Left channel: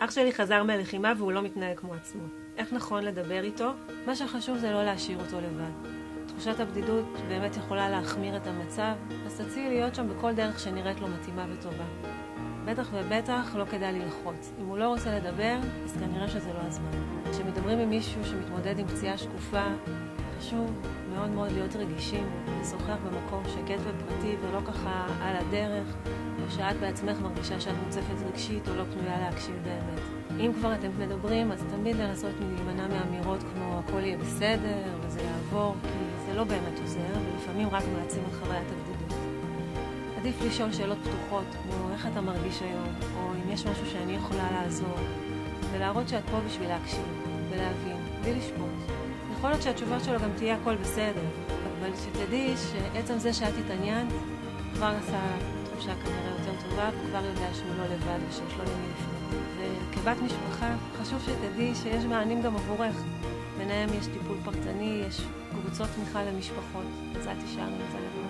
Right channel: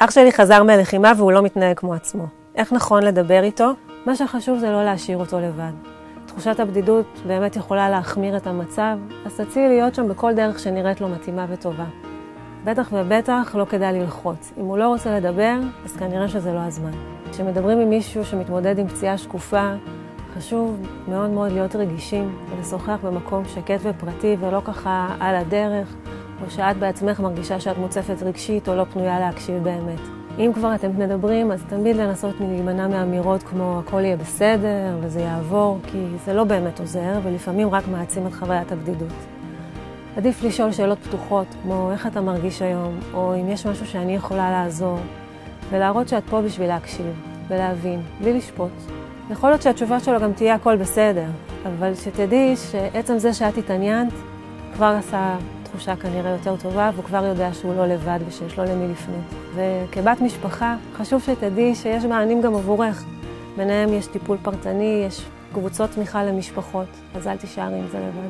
אח שלי חזר מהלחימה והוא לא מתנהג כמו עצמו. איך נכון לדבר איתו? מה שחשוב זה לא להשאיר אותו לבד. תחושת הבדידות באמת יכולה להחמיר את המצב, אז תציעי להיות שם בכל דרך שנראית לו מתאימה וטובה. בטח ובטח לא כדאי ללחוץ. אם הוא לא רוצה לדבר, אז כנראה שזה לא הזמן. כשמדברים עם מישהו שמתמודד עם פציעה שקופה, חשוב מאוד מאוד להיות רגישים ולשוחח במקום שקט ופרטי ולא ככה על הדרך, או שאת בעצמך מרגישה שאת מוצפת רגשית או לא פנויה להקשיב באמת. אם כבר אתם מדברים, אז תמיד לנסות להימנע מאמירות כמו הכל יהיה בסדר וזה יעבור, כי זה לא באמת עוזר ולפעמים רק מעצים את חוויית הבדידות. עדיף לשאול שאלות פתוחות, כמו איך אתה מרגיש היום, או אם יש משהו שאני יכולה לעזור, ולהראות שאת פה בשביל להקשיב ולהבין, בלי לשפוט. יכול להיות שהתשובה שלו גם תהיה הכל בסדר, אבל שתדעי שעצם זה שאת התעניינת כבר עשה תחושה כנראה יותר טובה, והוא כבר יודע שהוא לא לבד ושיש לו למי לפנות. וכבת משפחה חשוב שתדעי שיש מענים גם עבורך. ביניהם יש טיפול פרטני, יש קבוצות תמיכה למשפחות, אז אל תישארי עם זה לבד.